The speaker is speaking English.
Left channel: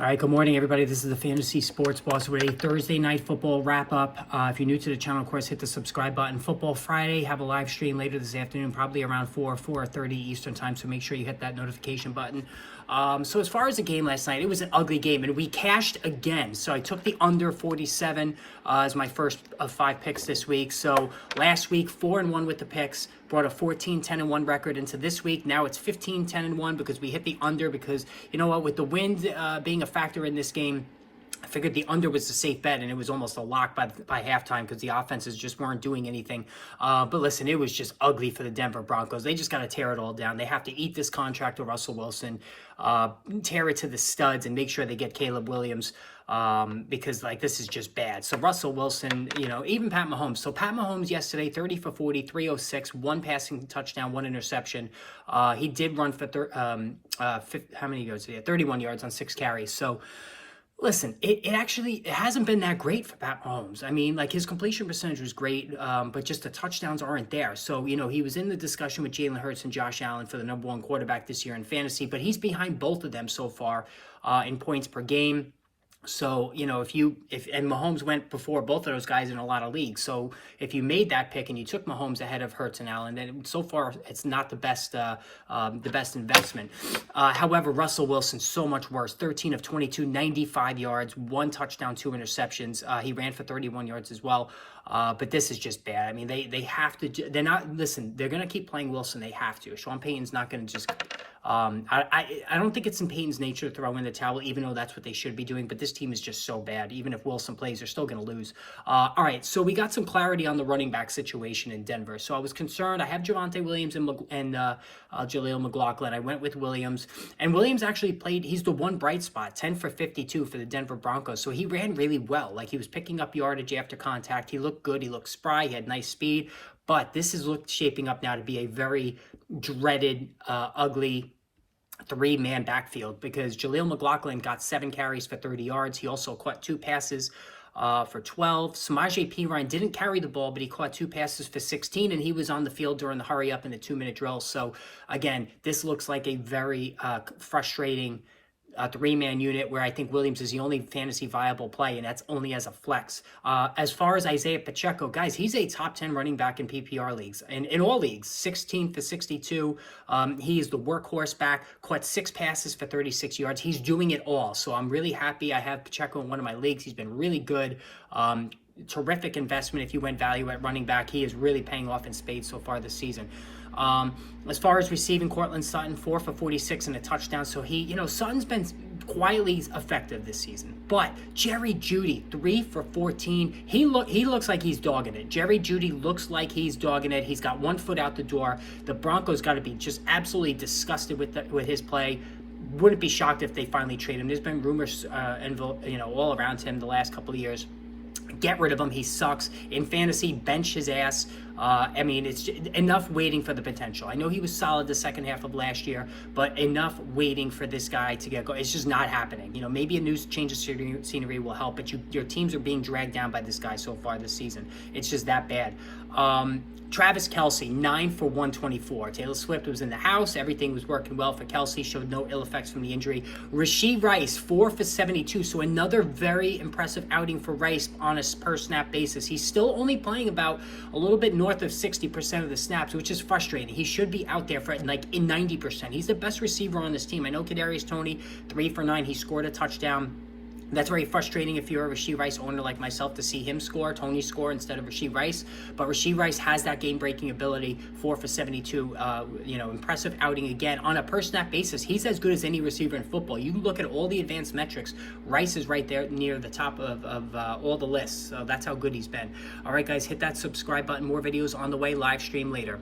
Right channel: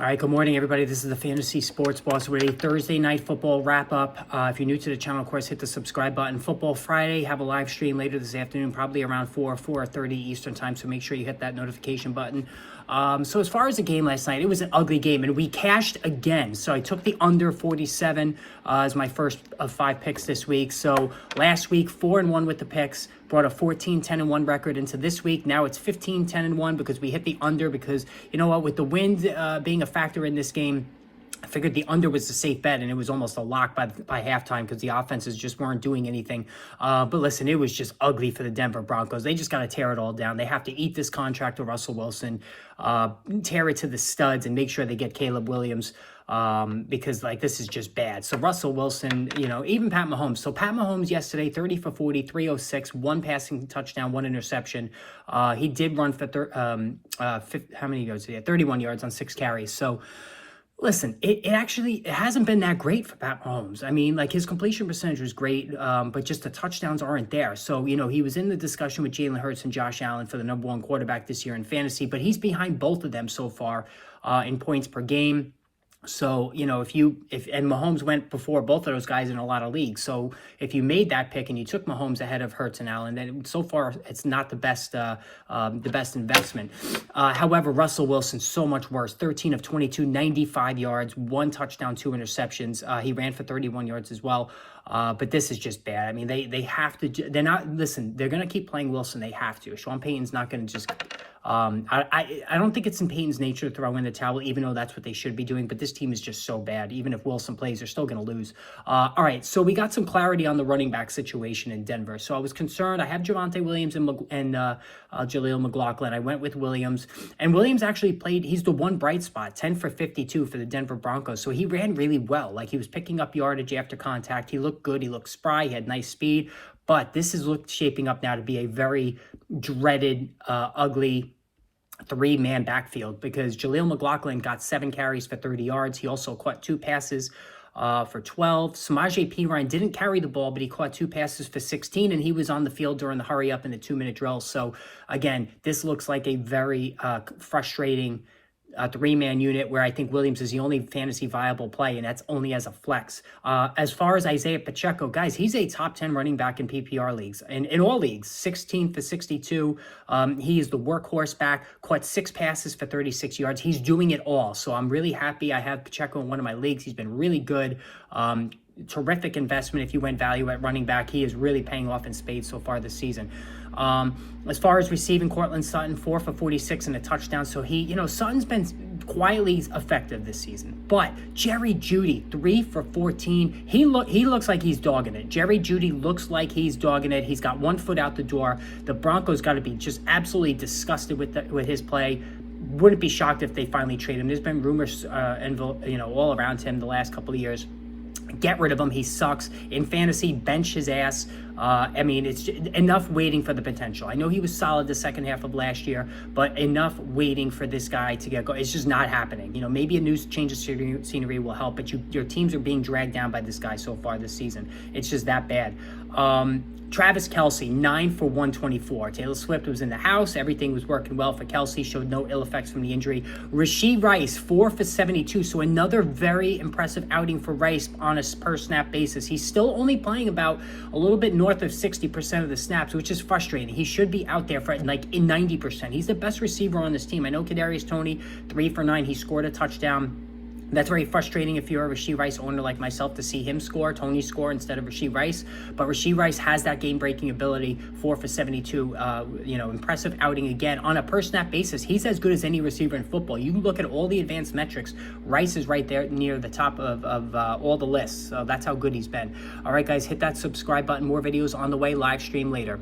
All right, good morning, everybody. This is the Fantasy Sports Boss with a Thursday night football wrap-up. If you're new to the channel, of course, hit the subscribe button. Football Friday, have a live stream later this afternoon, probably around 4:30 Eastern time, so make sure you hit that notification button. So as far as the game last night, it was an ugly game, and we cashed again. So I took the under 47 as my first of 5 picks this week. So last week, 4-1 with the picks, brought a 14-10-1 record into this week. Now it's 15-10-1 because we hit the under because, you know what, with the wind being a factor in this game, I figured the under was the safe bet, and it was almost a lock by halftime because the offenses just weren't doing anything. But listen, it was just ugly for the Denver Broncos. They just got to tear it all down. They have to eat this contract with Russell Wilson, tear it to the studs, and make sure they get Caleb Williams because, like, this is just bad. So Russell Wilson, you know, even Pat Mahomes. So Pat Mahomes yesterday, 30 for 40, 306, 1 passing touchdown, 1 interception. He did run for, how many yards did he have? 31 yards on 6 carries. So, listen, it hasn't been that great for Pat Mahomes. I mean, like, his completion percentage was great, but just the touchdowns aren't there. So, you know, he was in the discussion with Jalen Hurts and Josh Allen for the #1 quarterback this year in fantasy, but he's behind both of them so far in points per game. So, you know, and Mahomes went before both of those guys in a lot of leagues. So if you made that pick and you took Mahomes ahead of Hurts and Allen, then so far it's not the best investment. However, Russell Wilson, so much worse. 13 of 22, 95 yards, 1 touchdown, 2 interceptions. He ran for 31 yards as well. But this is just bad. I mean, they have to, they're not, listen, they're going to keep playing Wilson. They have to. Sean Payton's not going to just, I don't think it's in Payton's nature to throw in the towel, even though that's what they should be doing. But this team is just so bad. Even if Wilson plays, they're still going to lose. All right, so we got some clarity on the running back situation in Denver. So I was concerned. I have Javonte Williams and Jaleel McLaughlin. I went with Williams. And Williams actually played, he's the one bright spot, 10 for 52 for the Denver Broncos. So he ran really well. Like, he was picking up yardage after contact. He looked good. He looked spry. He had nice speed. But this is shaping up now to be a very dreaded, ugly 3-man backfield because Jaleel McLaughlin got 7 carries for 30 yards. He also caught 2 passes for 12. Samaje Perine didn't carry the ball, but he caught 2 passes for 16, and he was on the field during the hurry up in the 2-minute drill. So, again, this looks like a very frustrating 3-man unit where I think Williams is the only fantasy viable play, and that's only as a flex. As far as Isaiah Pacheco, guys, he's a top 10 running back in PPR leagues, in all leagues, 16 for 62. He is the workhorse back, caught 6 passes for 36 yards. He's doing it all, so I'm really happy I have Pacheco in one of my leagues. He's been really good. Terrific investment if you went value at running back. He is really paying off in spades so far this season. As far as receiving, Cortland Sutton, 4 for 46 and a touchdown. So he, you know, Sutton's been quietly effective this season. But Jerry Jeudy, 3 for 14. He looks like he's dogging it. Jerry Jeudy looks like he's dogging it. He's got 1 foot out the door. The Broncos got to be just absolutely disgusted with his play. Wouldn't be shocked if they finally trade him. There's been rumors, you know, all around him the last couple of years. Get rid of him. He sucks. In fantasy, bench his ass. I mean, it's enough waiting for the potential. I know he was solid the second half of last year, but enough waiting for this guy to get going. It's just not happening. You know, maybe a new change of scenery will help, but your teams are being dragged down by this guy so far this season. It's just that bad. Travis Kelce, 9 for 124. Taylor Swift was in the house. Everything was working well for Kelce. Showed no ill effects from the injury. Rashee Rice, 4 for 72. So another very impressive outing for Rice on a per-snap basis. He's still only playing about a little bit north of 60% of the snaps, which is frustrating. He should be out there for like in 90%. He's the best receiver on this team. I know Kadarius Toney, 3 for 9. He scored a touchdown. That's very frustrating if you're a Rashee Rice owner like myself to see him score, Tony score instead of Rashee Rice. But Rashee Rice has that game-breaking ability, 4 for 72. You know, impressive outing again. On a per-snap basis, he's as good as any receiver in football. You look at all the advanced metrics, Rice is right there near the top of all the lists. So that's how good he's been. All right, guys, hit that subscribe button. More videos on the way. Live stream later.